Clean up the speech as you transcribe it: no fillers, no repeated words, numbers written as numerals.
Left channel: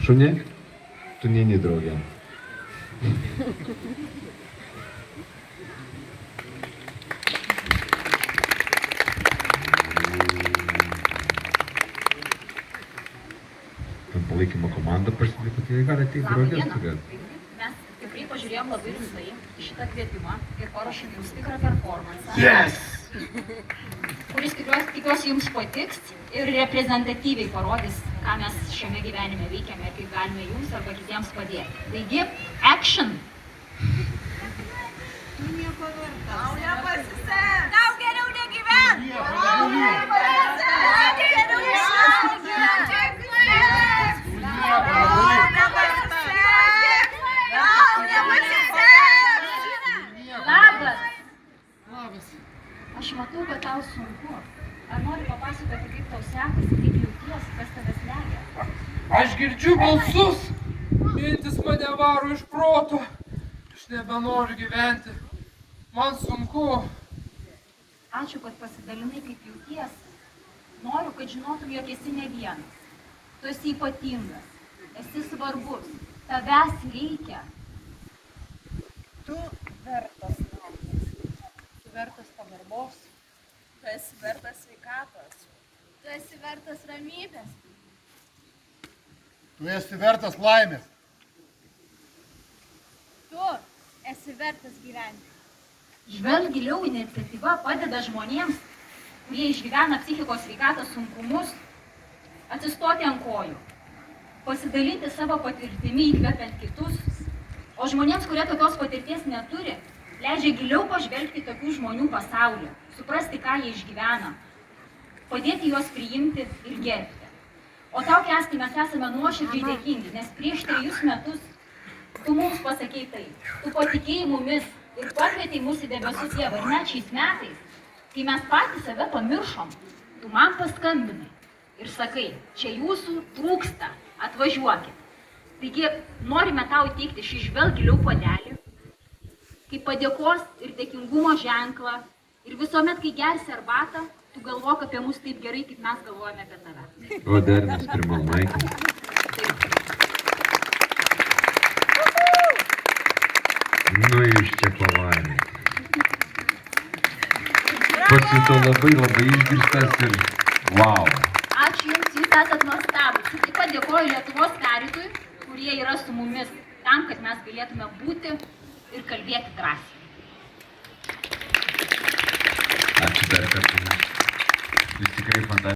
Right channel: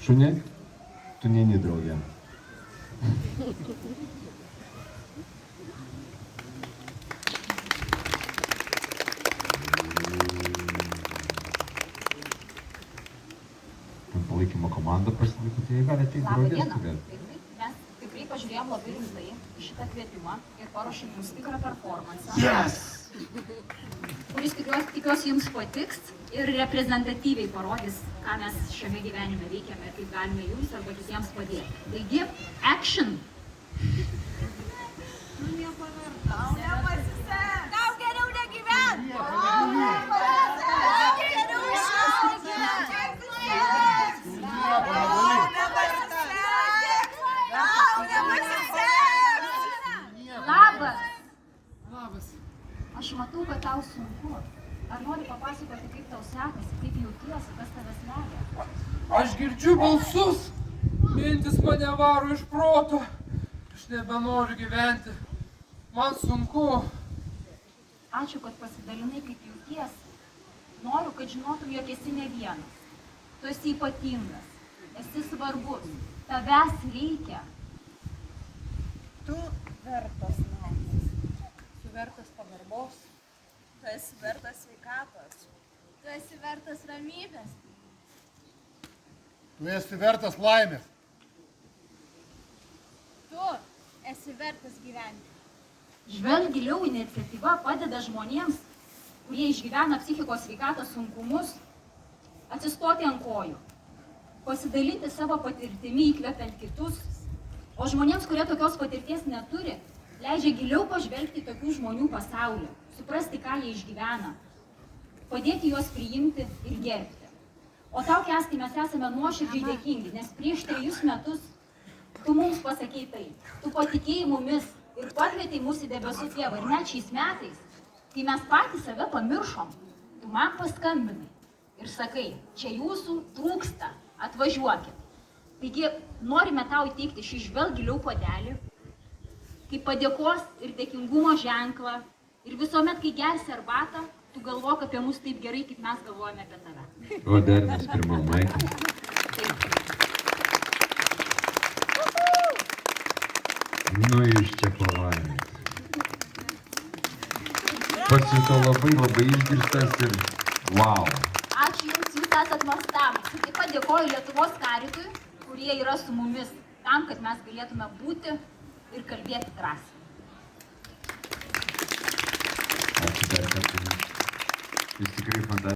Šunė, tu neini draugė. Palaikymo komanda pasidėtų, tai gali ateiti draugės tokia. Mes tikrai pažiūrėjom labai rimtai į šitą kvietimą ir paruošėm jums tikrą performansą. Yes! Kuris tikiuosi jums patiks ir reprezentatyviai parodys, ką mes šiame gyvenime veikiame, kaip galime jums arba kitiems padėti. Taigi, action! Tu nieko verta. Tau nepasiseks. Tau geriau negyvent. Tau nepasiseks. Aš matau, kad tau sunku. Ar nori papasakoti, kaip tau sekasi, kaip jautiesi, kas tave slegia? Aš girdžiu balsus, mintis mane varo iš proto. Aš nebenoriu gyventi. Man sunku. Ačiū, kad pasidalinai, kaip jautiesi. Noriu, kad žinotum, jog esi ne vienas. Tu esi ypatingas. Esi svarbus. Tavęs reikia. Tu vertas naudos. Tu vertas pagarbos. Tu esi vertas sveikatos. Tu esi vertas ramybės. Tu esi vertas laimės. Tu esi vertas gyventi. Žvelk giliau iniciatyva padeda žmonėms, kurie išgyvena psichikos sveikatos sunkumus, atsistoti ant kojų, pasidalinti savo patirtimi įkvepiant kitus, o žmonėms, kurie tokios patirties neturi, leidžia giliau pažvelgti tokių žmonių pasaulį, suprasti, ką jie išgyvena, padėti juos priimti ir gerbti. O tau, Kęstai, mes esame nuoširdžiai dėkingi, nes prieš 3 metus tu mums pasakei tai, tu patikėjai mumis ir pakvietei mus į debesų tėvą. Ir net šiais metais, kai mes patys save pamiršom, tu man paskambinai ir sakai, čia jūsų trūksta, atvažiuokit. Taigi norime tau įteikti šį žvelk giliau puodelį, kaip padėkos ir dėkingumo ženklą. Ir visuomet, kai gersi arbatą, tu galvok apie mus taip gerai, kaip mes galvojame apie tave. O dernis pirmą maiką. Nu iš čia pavarė. Pasito labai išgirstas ir wow. Ačiū Jums, Jūs esat nuostabūs. Ir taip pat dėkoju Lietuvos Karitui, kurie yra su mumis tam, kad mes galėtume būti ir kalbėti drąsiai. Ačiū dar kartą. Jūs tikrai fantastiškai.